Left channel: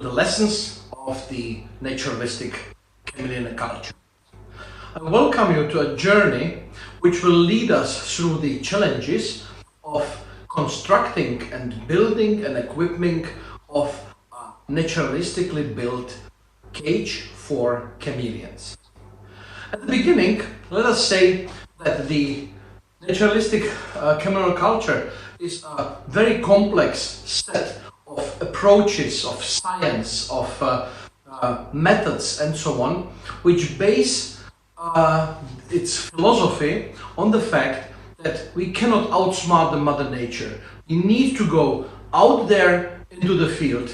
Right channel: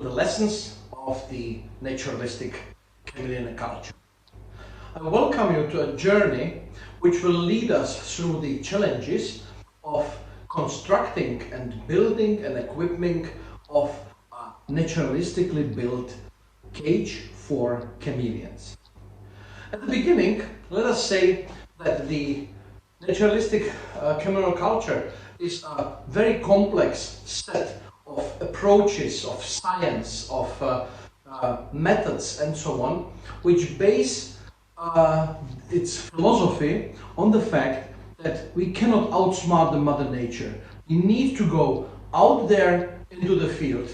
to the lessons of the naturalistic chameleon culture. I welcome you to a journey which will lead us through the challenges of constructing and building and equipping of a naturalistically built cage for chameleons. At the beginning, let us say that the naturalistic CHAMELEONOCULTURE is a very complex set of approaches, of science, of methods and so on, which base its philosophy on the fact that we cannot outsmart the Mother Nature. We need to go out there into the field,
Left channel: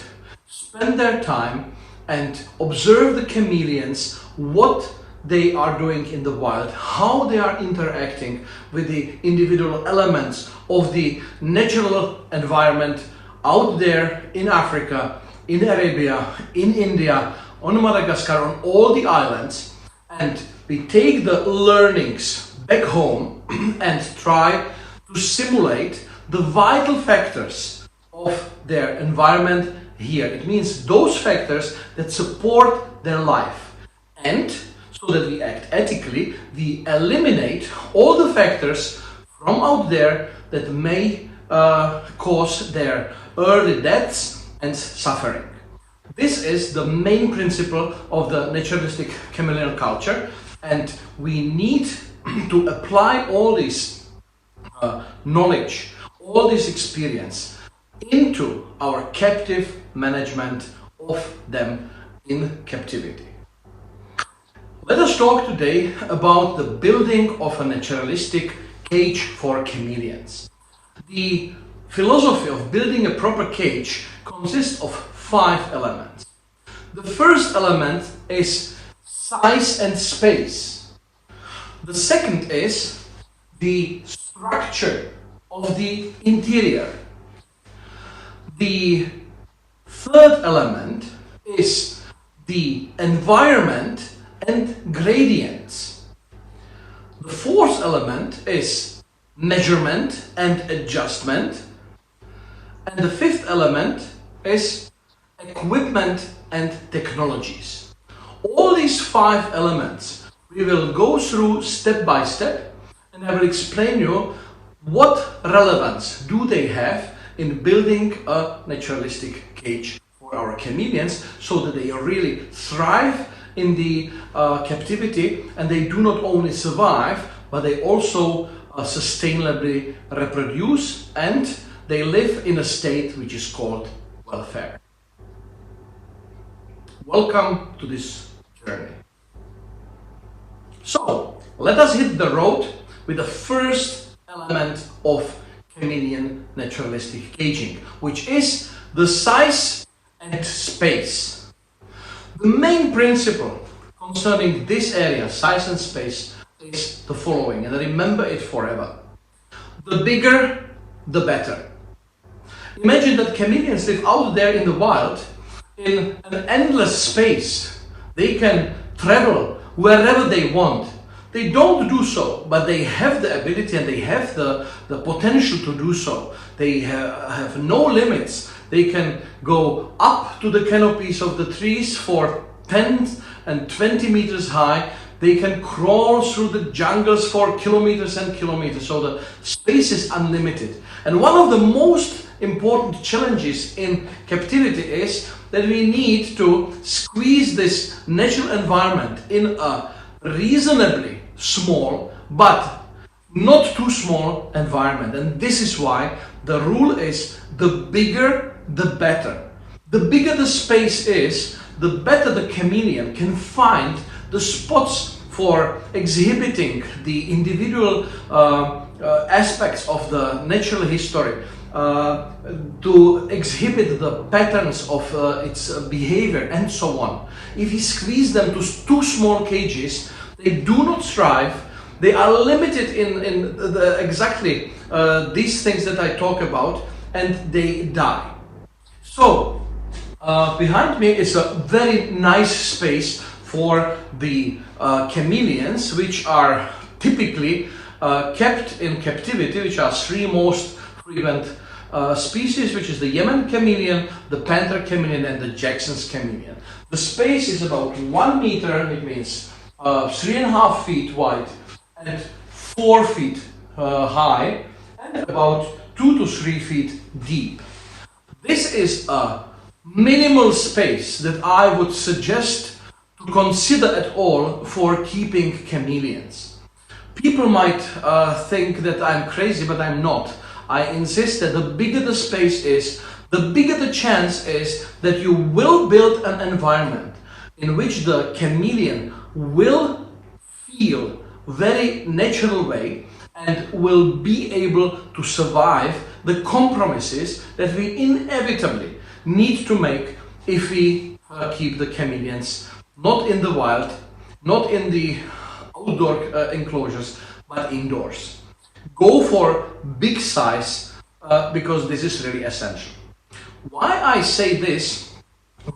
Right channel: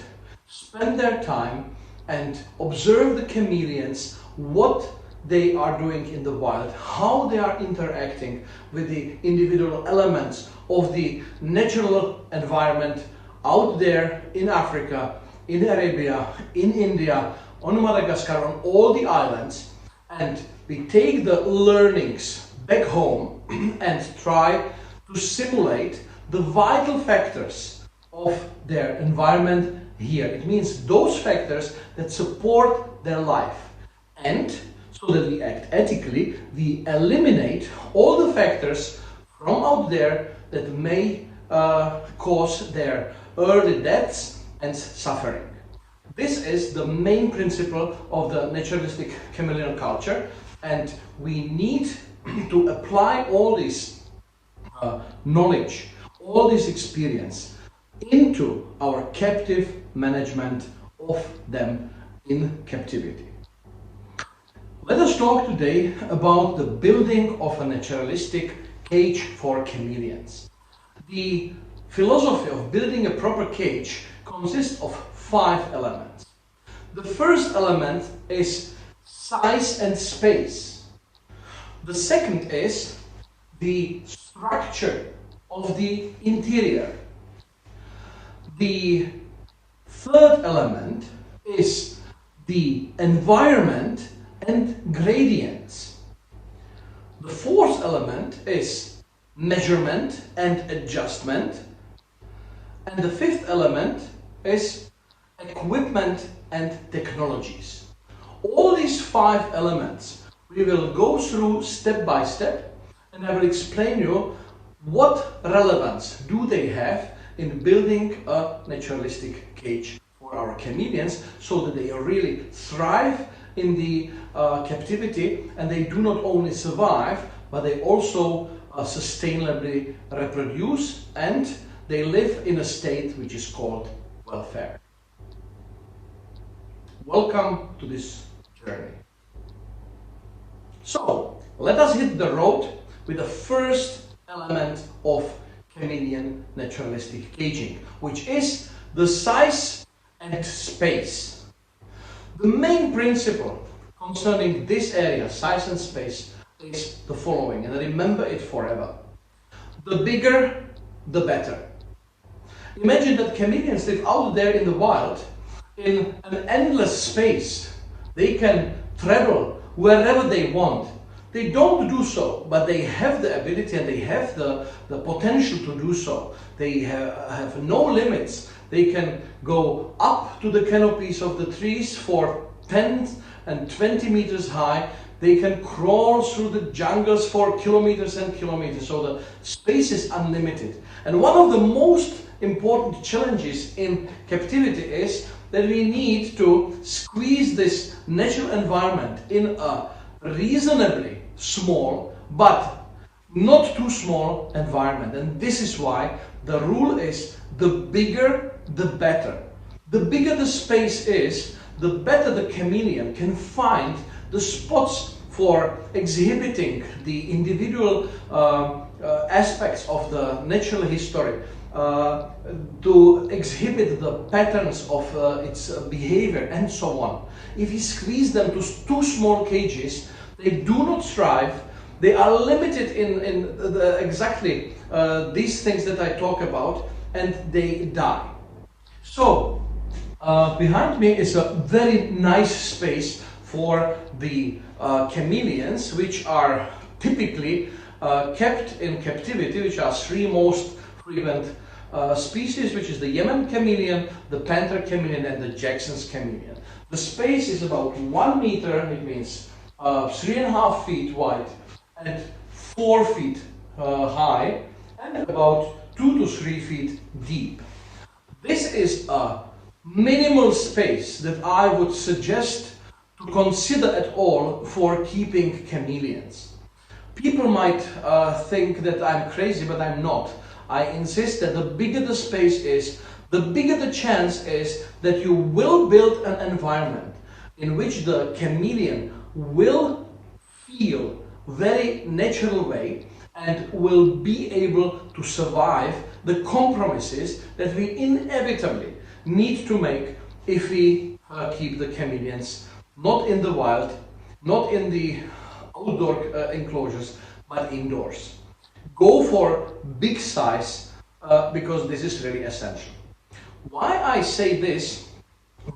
spend their time and observe the chameleons, what they are doing in the wild, how they are interacting with the individual elements of the natural environment out there in Africa, in Arabia, in India, on Madagascar, on all the islands, and we take the learnings back home and try to simulate the vital factors of their environment here. It means those factors that support their life, and so that we act ethically, we eliminate all the factors from out there that may cause their early deaths and suffering. This is the main principle of the naturalistic chameleon culture, and we need to apply all this knowledge, all this experience into our captive management of them in captivity. Let us talk today about the building of a naturalistic cage for chameleons. The philosophy of building a proper cage consists of 5 elements. The first element is size and space. The second is the structure of the interior. The third element is the environment and gradients. The fourth element is measurement and adjustment. And the fifth element is equipment and technologies. All these 5 elements we will go through step by step, and I will explain you what relevance do they have in building a naturalistic cage for our chameleons, so that they really thrive in the captivity, and they do not only survive, but they also sustainably reproduce, and they live in a state which is called welfare. Welcome to this journey. So, let us hit the road with the first element of chameleon naturalistic caging, which is the size and space. The main principle concerning this area, size and space, is the following, and remember it forever. The bigger, the better. Imagine that chameleons live out there in the wild in an endless space. They can travel wherever they want. They don't do so, but they have the ability and they have the potential to do so. They have no limits. They can go up to the canopies of the trees for 10 and 20 meters high. They can crawl through the jungles for kilometers and kilometers. So the space is unlimited. And one of the most important challenges in captivity is that we need to squeeze this natural environment in a reasonably small but not too small environment. And this is why the rule is the bigger the better. The bigger the space is, the better the chameleon can find the spots for exhibiting the individual aspects of the natural history, to exhibit the patterns of its behavior and so on. If you squeeze them to too small cages, they do not thrive. They are limited in exactly these things that I talk about, and they die. So behind me is a very nice space for the chameleons, which are typically kept in captivity, which are 3 most frequent species, which is the Yemen chameleon, the panther chameleon, and the Jackson's chameleon. The space is about 1 meter, it means 3.5 feet wide and 4 feet high, and about 2 to 3 feet deep. This is a minimal space that I would suggest to consider at all for keeping chameleons. People might think that I'm crazy, but I'm not. I insist that the bigger the space is, the bigger the chance is that you will build an environment in which the chameleon will feel very natural way and will be able to survive the compromises that we inevitably need to make if we keep the chameleons not in the wild, not in the outdoor enclosures, but indoors. Go for big size because this is really essential. Why I say this,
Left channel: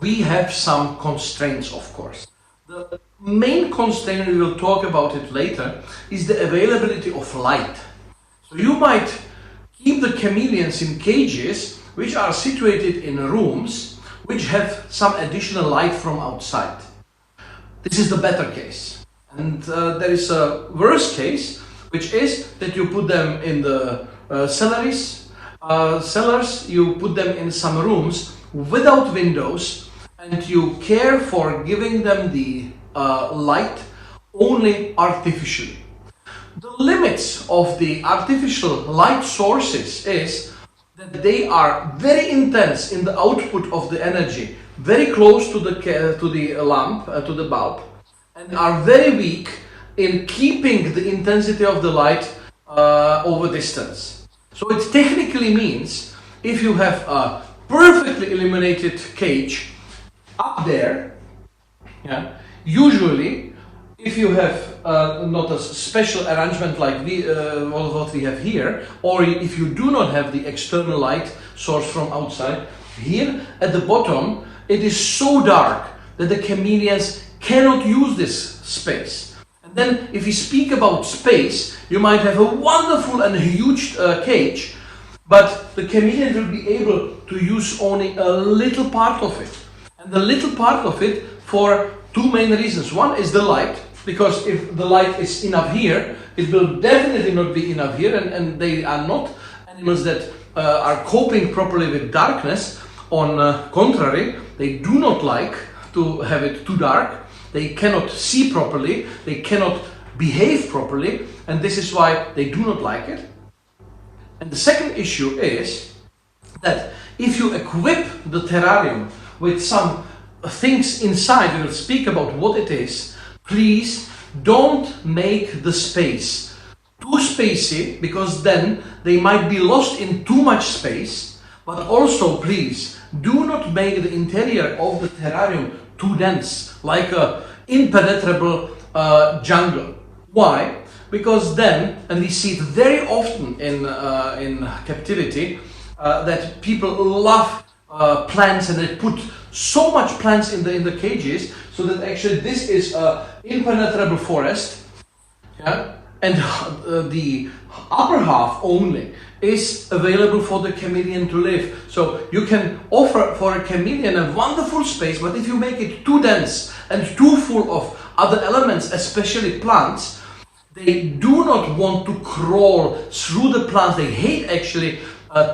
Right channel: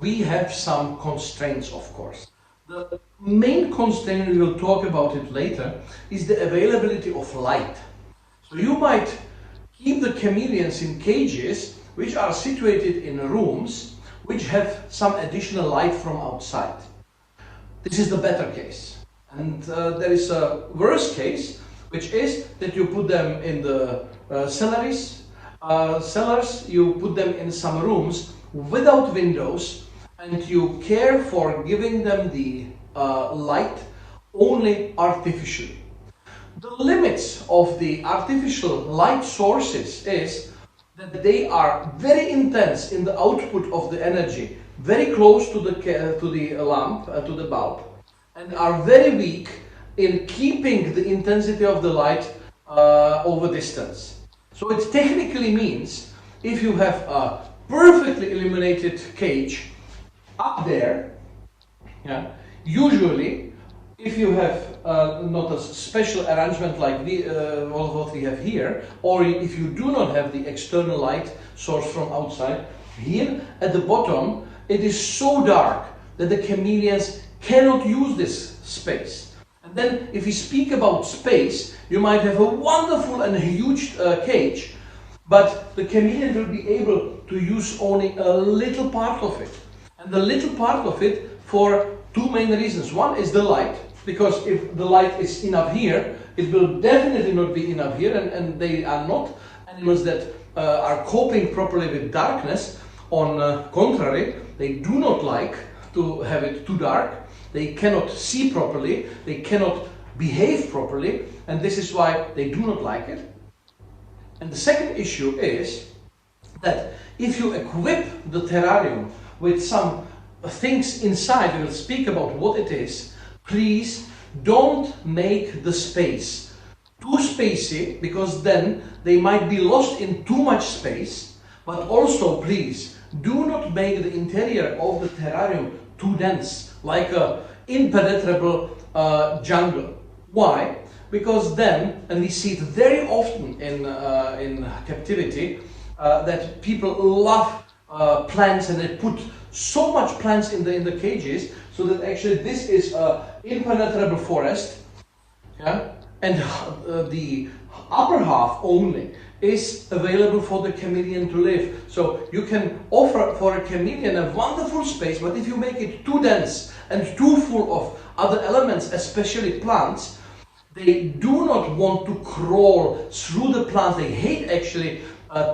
we have some constraints, of course. The main constraint, we will talk about it later, is the availability of light. So you might keep the chameleons in cages which are situated in rooms which have some additional light from outside. This is the better case. And there is a worse case, which is that you put them in the cellars, you put them in some rooms without windows, and you care for giving them the light only artificially. The limits of the artificial light sources is that they are very intense in the output of the energy, very close to the lamp, to the bulb, and are very weak in keeping the intensity of the light over distance. So it technically means if you have a perfectly illuminated cage up there, yeah, usually if you have not a special arrangement like what we have here, or if you do not have the external light source from outside, here at the bottom it is so dark that the chameleons cannot use this space. And then if we speak about space, you might have a wonderful and huge cage, but the chameleon will be able to use only a little part of it. And the little part of it for two main reasons. One is the light, because if the light is enough here, it will definitely not be enough here, and they are not animals that are coping properly with darkness. On contrary, they do not like to have it too dark. They cannot see properly, they cannot behave properly, and this is why they do not like it. And the second issue is that if you equip the terrarium with some things inside, we will speak about what it is, please don't make the space too spacey, because then they might be lost in too much space. But also, please do not make the interior of the terrarium too dense, like a impenetrable jungle. Why? Because then, and we see it very often in captivity, that people love plants, and they put so much plants in the cages, so that actually this is a impenetrable forest, yeah? And the upper half only is available for the chameleon to live. So you can offer for a chameleon a wonderful space, but if you make it too dense and too full of other elements, especially plants, they do not want to crawl through the plants. They hate actually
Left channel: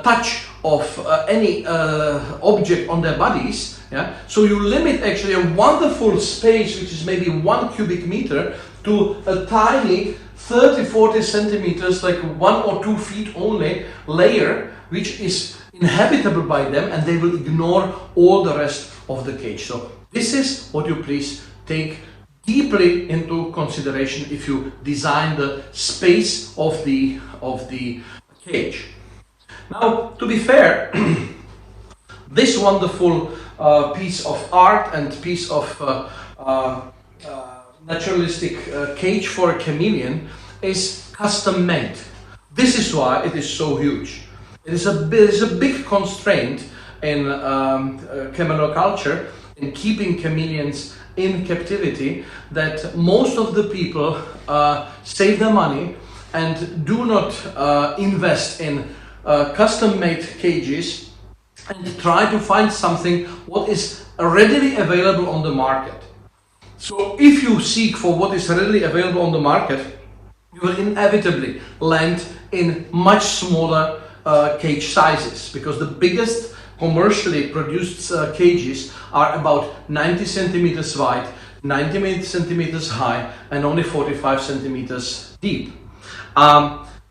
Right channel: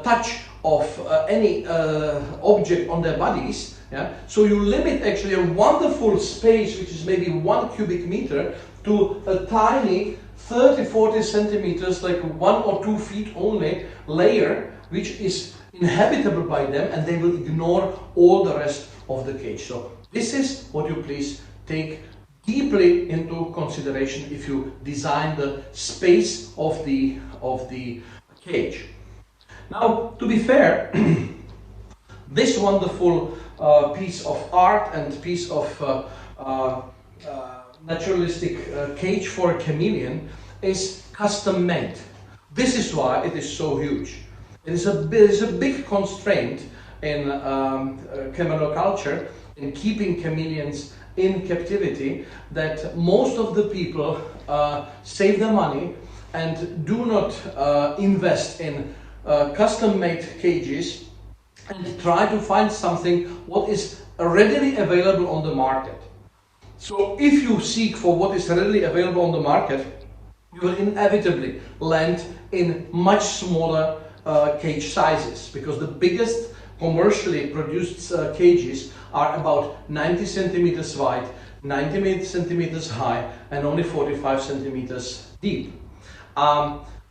touch of any object on their bodies. Yeah? So you limit actually a wonderful space, which is maybe 1 cubic meter, to a tiny 30-40 centimeters, like 1 or 2 feet only layer, which is inhabitable by them, and they will ignore all the rest of the cage. So this is what you please take deeply into consideration if you design the space of the cage. Now, to be fair, this wonderful piece of art and piece of naturalistic cage for a chameleon is custom made. This is why it is so huge. It is a big constraint in chameleonoculture, in keeping chameleons in captivity, that most of the people save their money and do not invest in custom-made cages and try to find something what is readily available on the market. So if you seek for what is readily available on the market, you will inevitably land in much smaller cage sizes, because the biggest commercially produced cages are about 90 centimeters wide, 90 centimeters high, and only 45 centimeters deep.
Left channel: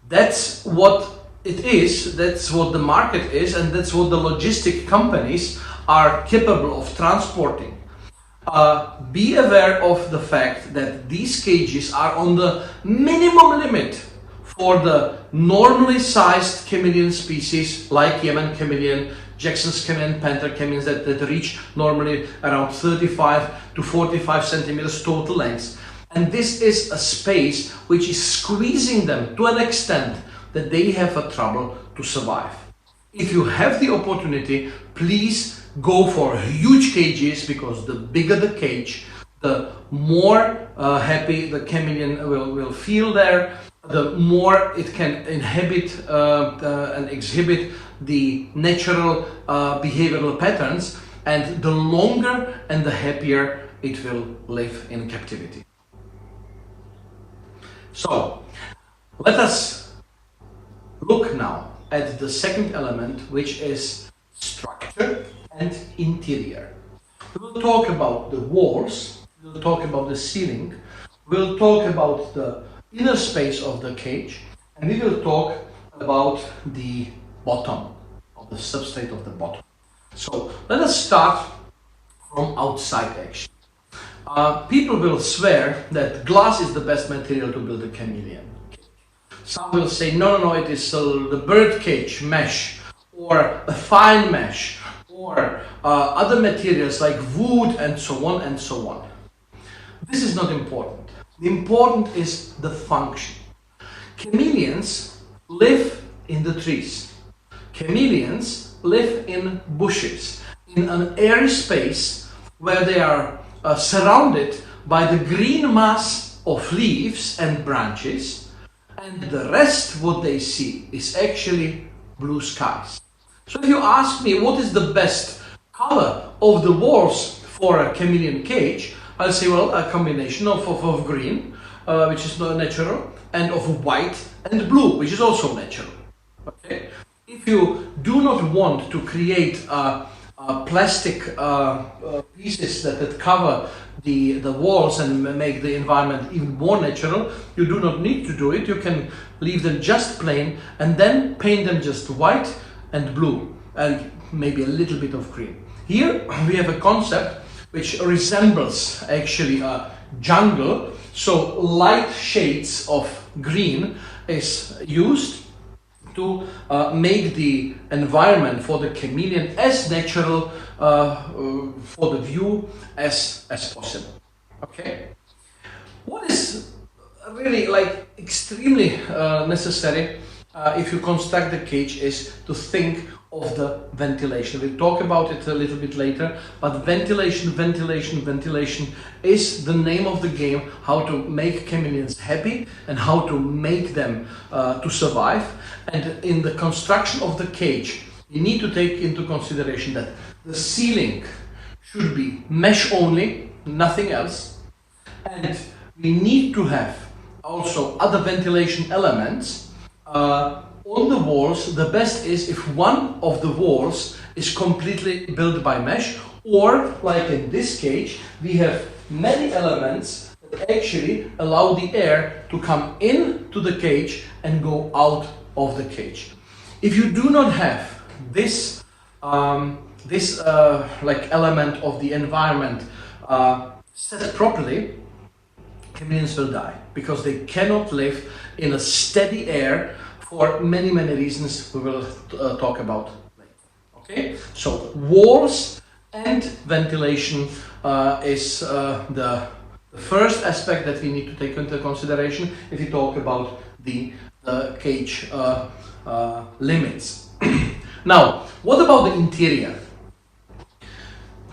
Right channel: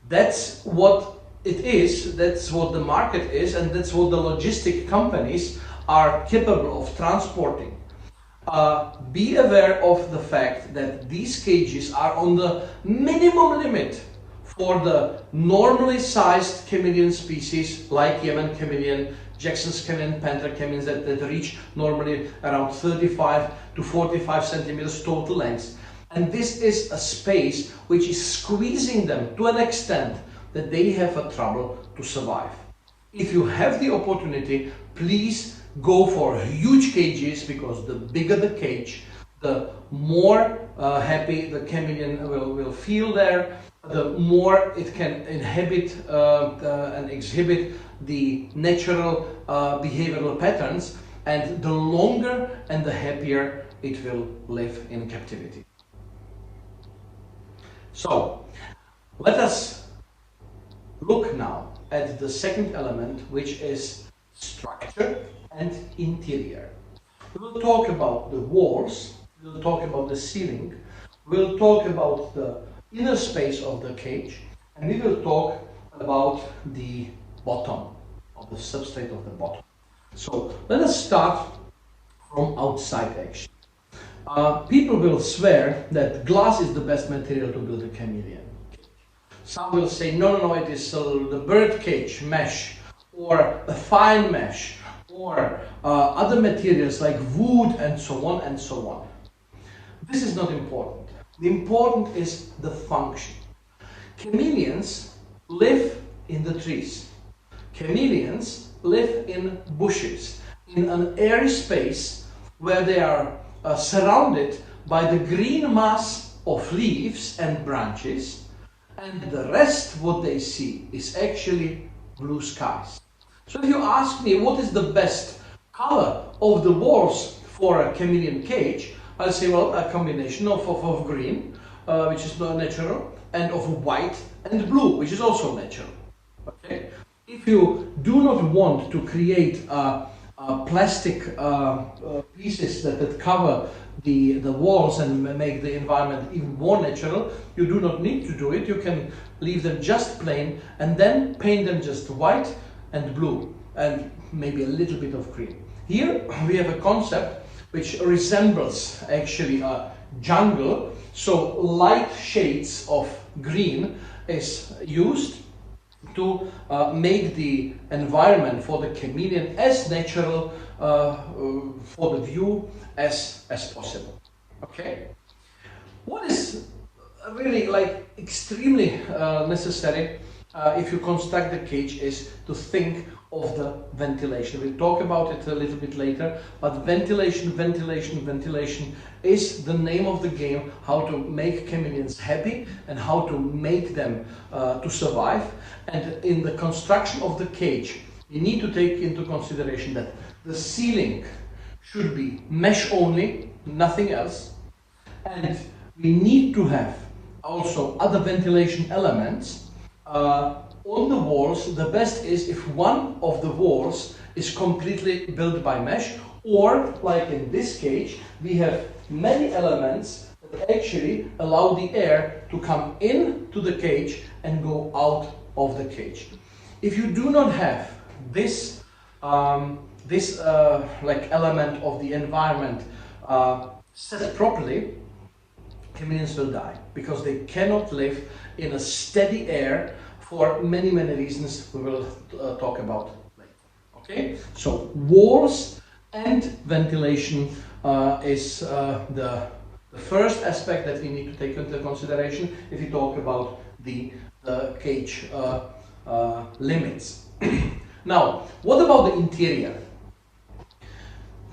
That's what it is, that's what the market is, and that's what the logistic companies are capable of transporting. Be aware of the fact that these cages are on the minimum limit for the normally sized chameleon species like Yemen chameleon, Jackson's chameleon, panther chameleons that reach normally around 35 to 45 centimeters total length. And this is a space which is squeezing them to an extent that they have a trouble to survive. If you have the opportunity, please go for huge cages, because the bigger the cage, the more happy the chameleon will feel there, the more it can inhabit and exhibit the natural behavioral patterns, and the longer and the happier it will live in captivity. So let us look now at the second element, which is structure and interior. We will talk about the walls, we will talk about the ceiling, we will talk about the inner space of the cage, and we will talk about the bottom, of the substrate of the bottom. So let us start from outside action. People will swear that glass is the best material to build a chameleon. Some will say, no, it is the bird cage mesh, or a fine mesh, or other materials like wood, and so on and so on. This is not important. The important is the function. Chameleons live in the trees. Chameleons live in bushes, in an airy space where they are surrounded by the green mass of leaves and branches, and the rest what they see is actually blue skies. So if you ask me what is the best color of the walls for a chameleon cage, I'll say, well, a combination of green, which is not natural, and of white and blue, which is also natural. Okay? If you do not want to create plastic pieces that cover the walls and make the environment even more natural, you do not need to do it. You can leave them just plain and then paint them just white and blue and maybe a little bit of green. Here we have a concept which resembles actually a jungle. So light shades of green is used to make the environment for the chameleon as natural for the view as possible. Okay. What is really like extremely necessary if you construct the cage is to think of the ventilation. We'll talk about it a little bit later, but ventilation is the name of the game, how to make chameleons happy and how to make them to survive. And in the construction of the cage, you need to take into consideration that the ceiling should be mesh only, nothing else, and we need to have also other ventilation elements on the walls. The best is if one of the walls is completely built by mesh, or like in this cage, we have many elements that actually allow the air to come into the cage and go out of the cage. If you do not have this like element of the environment set properly, chameleons will die, because they cannot live in a steady air for many reasons we will talk about later. Okay, so walls and ventilation is the first aspect that we need to take into consideration if we talk about the cage limits. Now, what about the interior?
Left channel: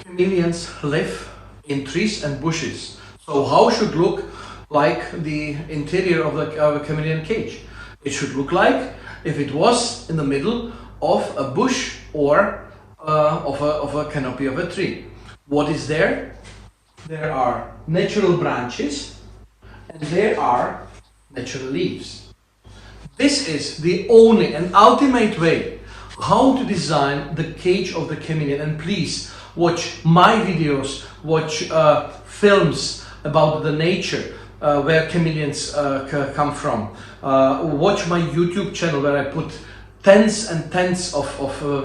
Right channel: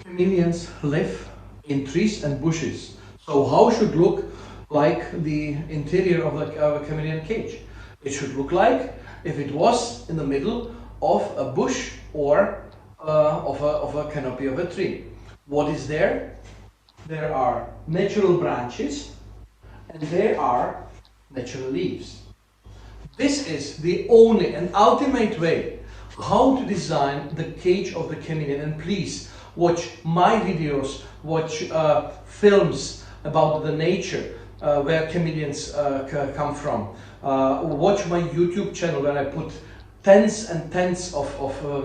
Chameleons live in trees and bushes. So how should look like the interior of a chameleon cage? It should look like if it was in the middle of a bush or of a canopy of a tree. What is there? There are natural branches and there are natural leaves. This is the only and ultimate way how to design the cage of the chameleon. And please watch my videos, watch films about the nature where chameleons come from. Watch my YouTube channel where I put tens and tens of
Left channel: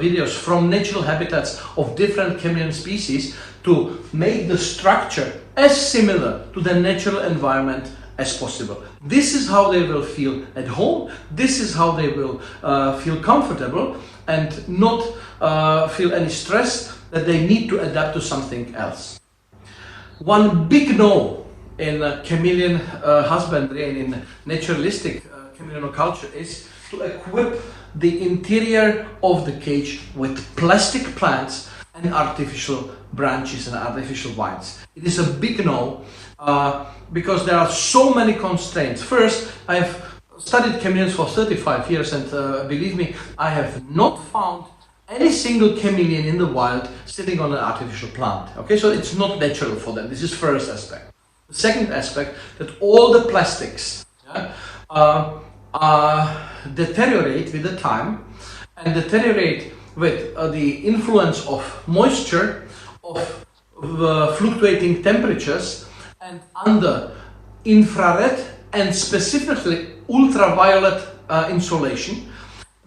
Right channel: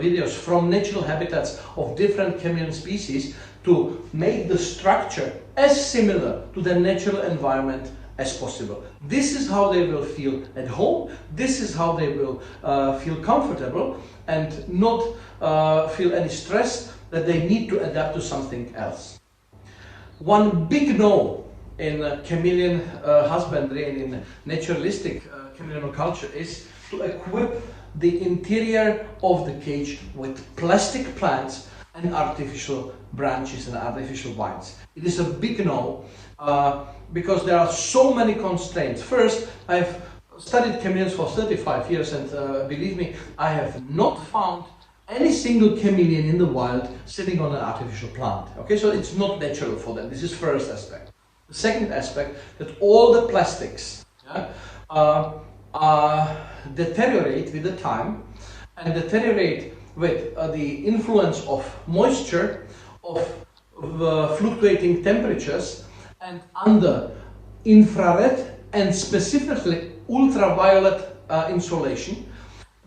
videos from natural habitats of different chameleon species to make the structure as similar to the natural environment as possible. This is how they will feel at home. This is how they will feel comfortable and not feel any stress that they need to adapt to something else. One big no in chameleon husbandry and in naturalistic chameleonoculture is to equip the interior of the cage with plastic plants and artificial branches and artificial vines. It is a big no because there are so many constraints. First, I've studied chameleons for 35 years and believe me, I have not found any single chameleon in the wild sitting on an artificial plant. Okay, so it's not natural for them. This is first aspect. The second aspect, that all the plastics deteriorate with the time and deteriorate with the influence of moisture, of fluctuating temperatures, and under infrared and specifically ultraviolet insolation.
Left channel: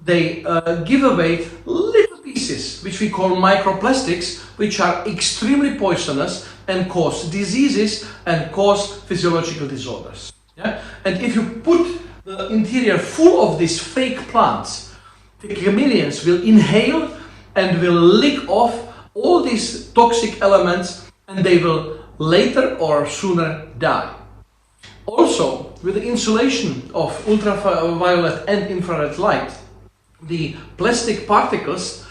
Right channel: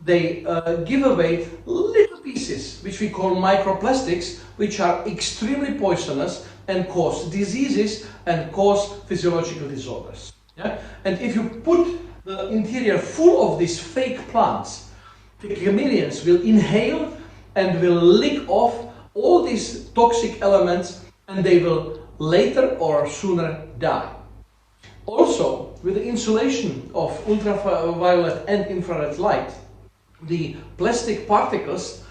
They give away little pieces which we call microplastics, which are extremely poisonous and cause diseases and cause physiological disorders. Yeah? And if you put the interior full of these fake plants, the chameleons will inhale and will lick off all these toxic elements and they will later or sooner die. Also, with the insulation of ultraviolet and infrared light, the plastic particles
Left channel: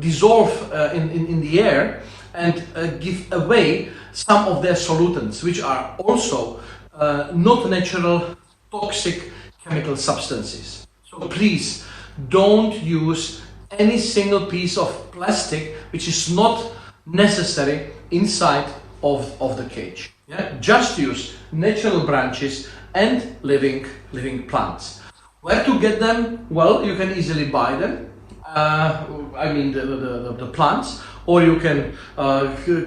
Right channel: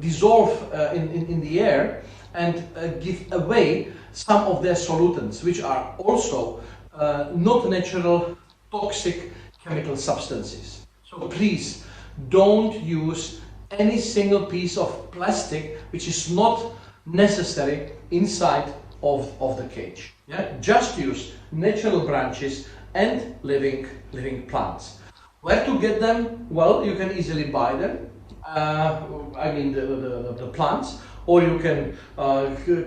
dissolve in the air and give away some of their solutants, which are also not natural toxic chemical substances. So please don't use any single piece of plastic which is not necessary inside of the cage. Yeah? Just use natural branches and living plants. Where to get them? Well, you can easily buy them. I mean the plants, or you can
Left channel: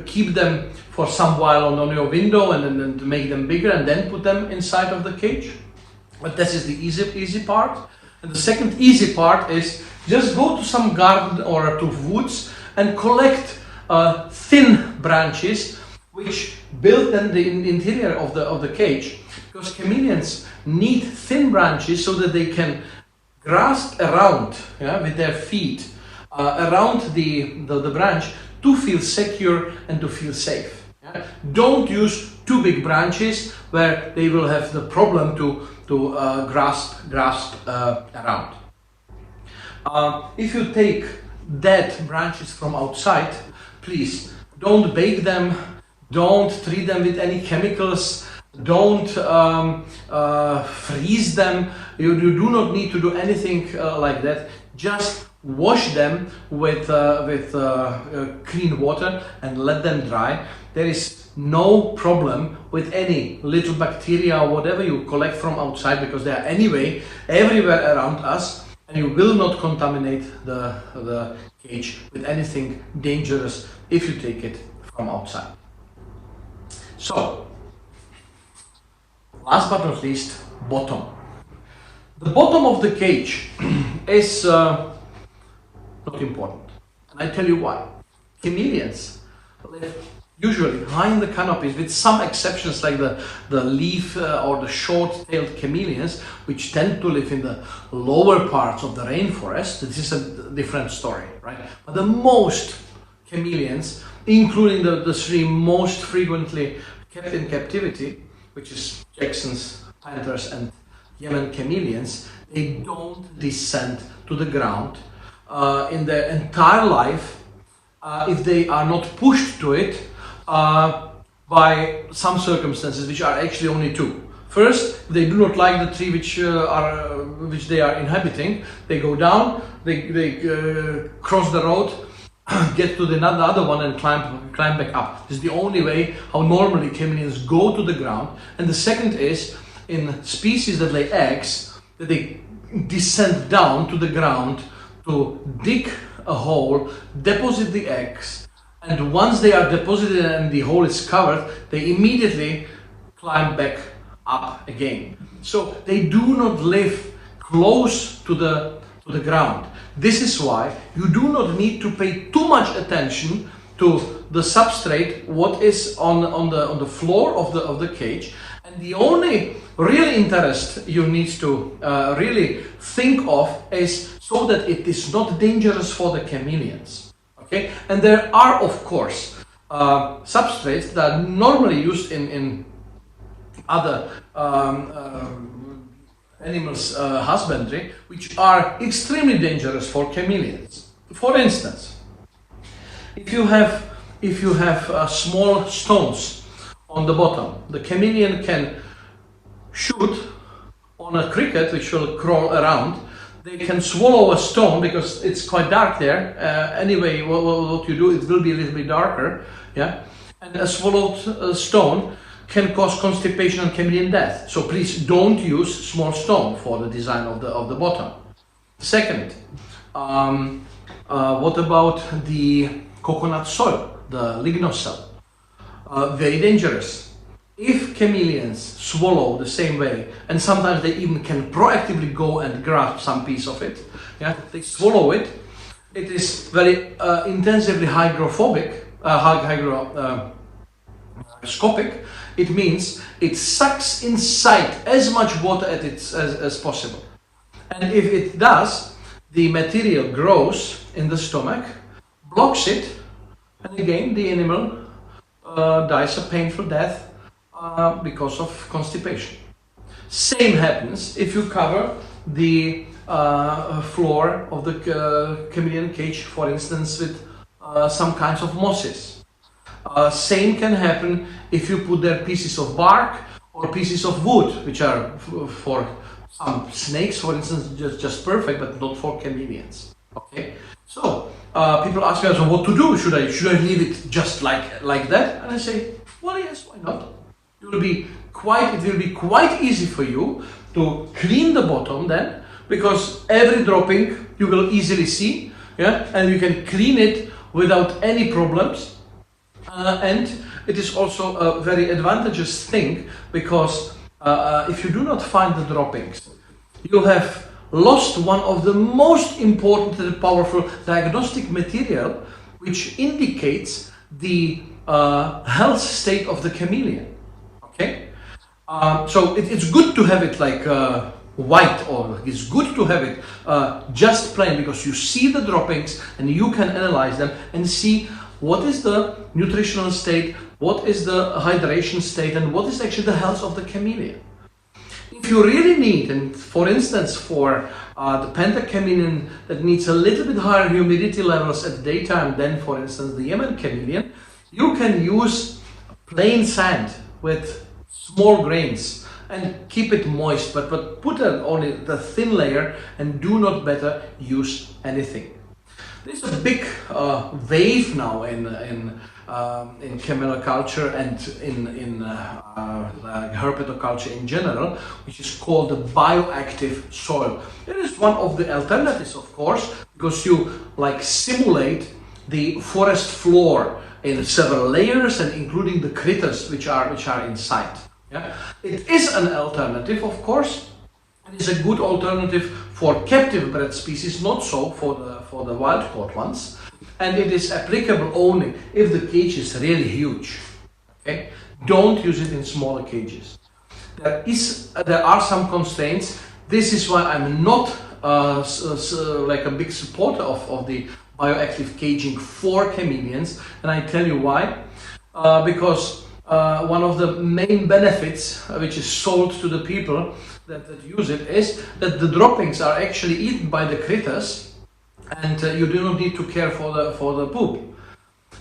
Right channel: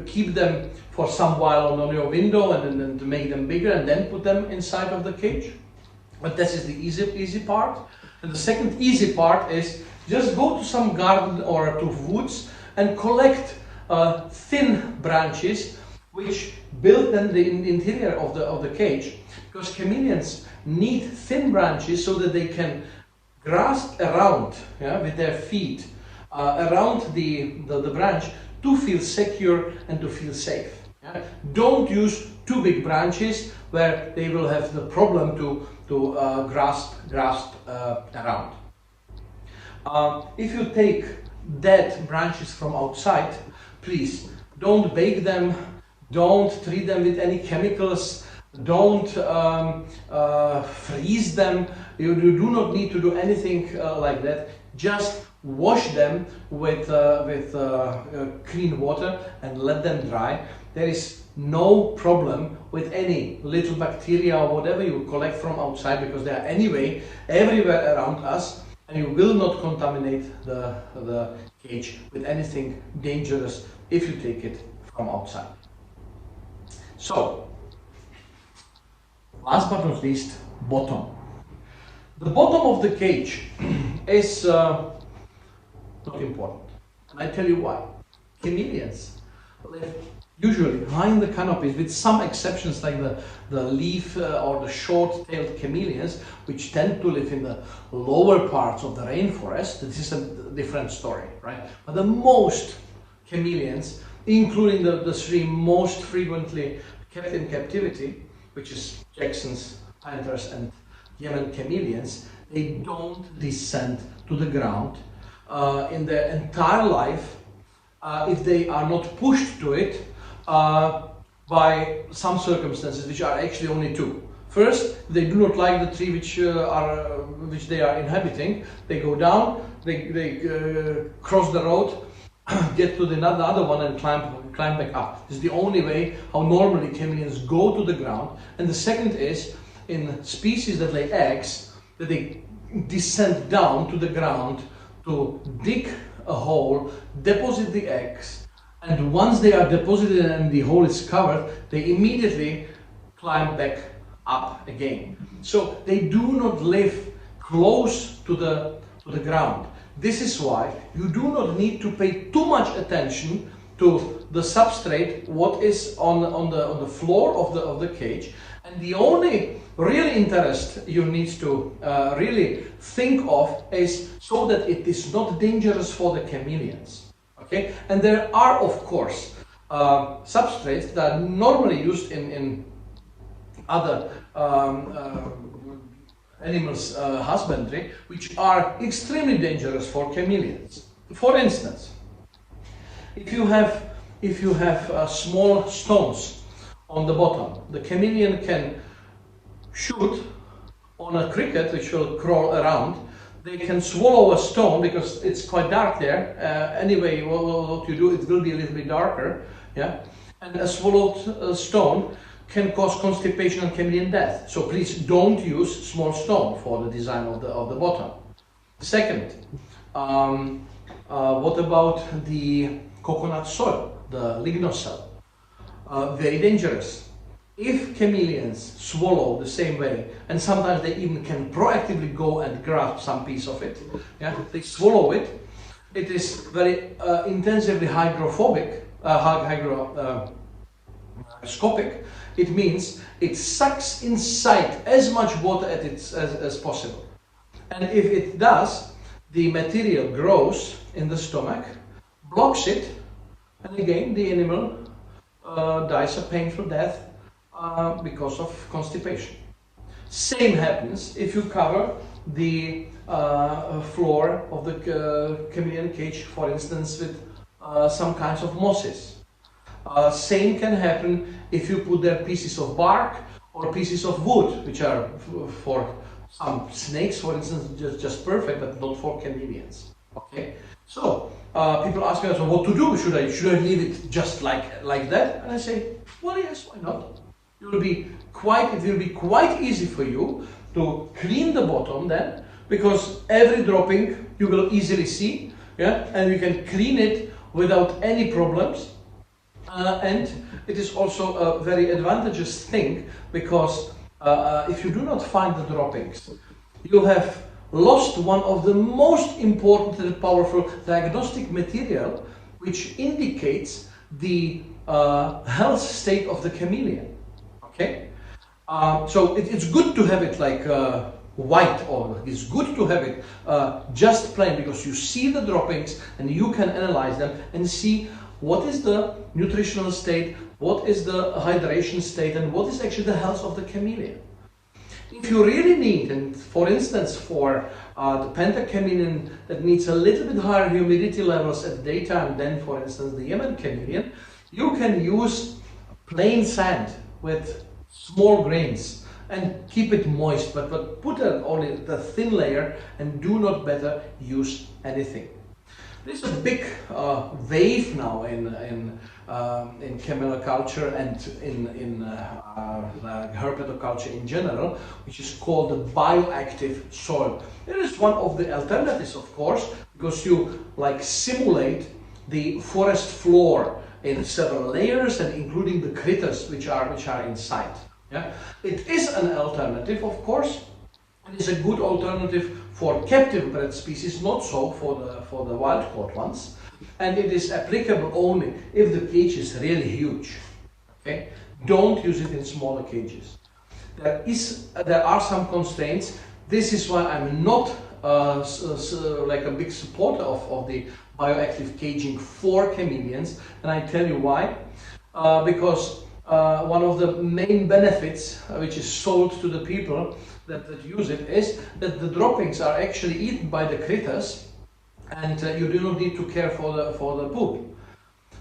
keep them for some while on your window and then to make them bigger and then put them inside of the cage. But this is the easy part. And the second easy part is just go to some garden or to woods and collect thin branches which build then the interior of the cage, because chameleons need thin branches so that they can grasp around, yeah, with their feet around the branch to feel secure and to feel safe. Yeah? Don't use too big branches where they will have the problem to grasp around. If you take dead branches from outside, please don't bake them, don't treat them with any chemicals, don't freeze them. You do not need to do anything like that. Just wash them with clean water and let them dry. There is no problem with any little bacteria or whatever you collect from outside, because they are anyway everywhere around us, and you will not contaminate the cage with anything dangerous if you take it from outside. So, last but not least, bottom. The bottom of the cage is not important, and I tell you why. Chameleons live usually high in the canopies, with some exceptions like the leaf or the short-tailed chameleons, which tend to live in the lower parts of the rainforest. This is a different story, right? But the most chameleons, including the three most frequently kept in captivity, which is Jackson's panthers and Yemen chameleons, they don't descend to the ground in their entire life if they are not pushed to it by some circumstances, which are actually only two. First, they do not like the tree which they are inhabiting. They go down, they cross the road, get to the other one and climb back up. This is the only way how normally chameleons go to the ground. And the second is, in species that lay eggs, that they descend down to the ground to dig a hole, deposit the eggs, and once they are deposited and the hole is covered, they immediately climb back up again. So they do not live close to the ground. This is why you do not need to pay too much attention to the substrate, what is on the floor of the cage. And the only real interest you need to really think of is so that it is not dangerous for the chameleons. Okay? And there are, of course, substrates that are normally used in other animals husbandry, which are extremely dangerous for chameleons. For instance, if you have small stones on the bottom, the chameleon can shoot on a cricket which will crawl around. They can swallow a stone because it's quite dark there. Anyway, what you do, it will be a little bit darker, yeah. And a swallowed stone can cause constipation and chameleon death. So please don't use small stone for the design of the bottom. Second, what about the coconut soil, the lignocell? Very dangerous. If chameleons swallow the same way, and sometimes they even can proactively go and grab some piece of it, yeah, they swallow it. It is very intensively hygroscopic. It means it sucks inside as much water as possible. And if it does, the material grows in the stomach, blocks it, and again the animal dies a painful death because of constipation. Same happens if you cover the floor of the chameleon cage, for instance, with some kinds of mosses. Same can happen if you put there pieces of bark or pieces of wood, which are for some snakes, for instance, just perfect, but not for chameleons. Okay, so people ask me, so what to do? Should I leave it just like that? And I say, well, yes, why not? It will be quite easy for you to clean the bottom then, because every dropping you will easily see, yeah, and you can clean it without any problems. And it is also a very advantageous thing, because if you do not find the droppings, you have lost one of the most important and powerful diagnostic material which indicates the health state of the chameleon. Okay, so it's good to have it like white, or it's good to have it just plain, because you see the droppings and you can analyze them and see what is the nutritional state, what is the hydration state, and what is actually the health of the chameleon. If you really need, and for instance for the penta chameleon that needs a little bit higher humidity levels at daytime than, for instance, the Yemen chameleon, you can use plain sand with small grains and keep it moist, but put only the thin layer and do not better use anything. There's a big wave now in cameloculture and in herpetoculture in general, which is called the bioactive soil. It is one of the alternatives, of course, because you simulate the forest floor in several layers, and including the critters which are inside. Yeah? It is an alternative, of course. It is a good alternative for captive bred species, not so for the wild caught ones, and it is applicable only if the cage is really huge. Okay? Don't use it in smaller cages. There are some constraints. This is why I'm not like a big supporter of the bioactive caging for chameleons, and I tell you why. Because one of the main benefits which is sold to the people that use it is that the droppings are actually eaten by the critters, and you do not need to care for the poop.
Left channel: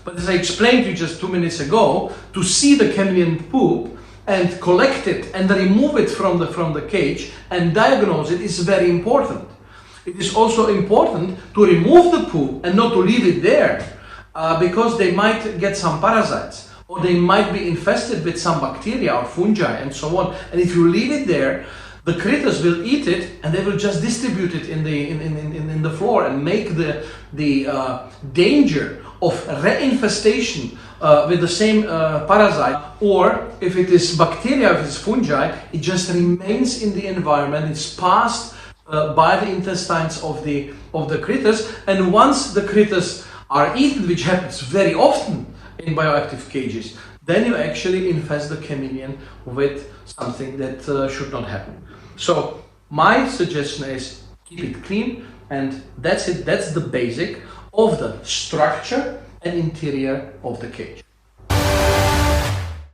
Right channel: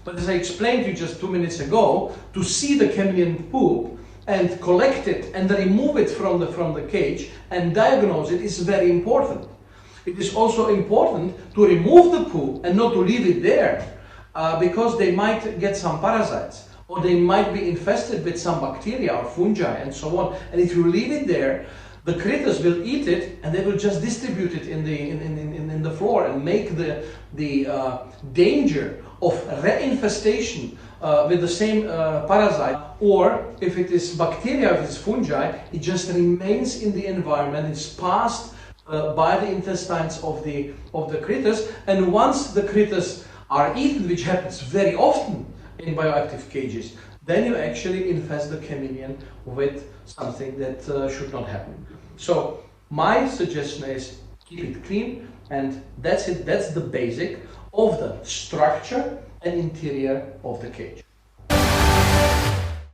But as I explained to you just 2 minutes ago, to see the chameleon poop, and collect it and remove it from the cage and diagnose it is very important. It is also important to remove the poo and not to leave it there because they might get some parasites or they might be infested with some bacteria or fungi and so on. And if you leave it there, the critters will eat it and they will just distribute it in the floor and make the danger of reinfestation with the same parasite, or if it is bacteria, if it's fungi, it just remains in the environment, it's passed by the intestines of the critters, and once the critters are eaten, which happens very often in bioactive cages, then you actually infest the chameleon with something that should not happen. So my suggestion is keep it clean, and that's it. That's the basic of the structure and interior of the cage.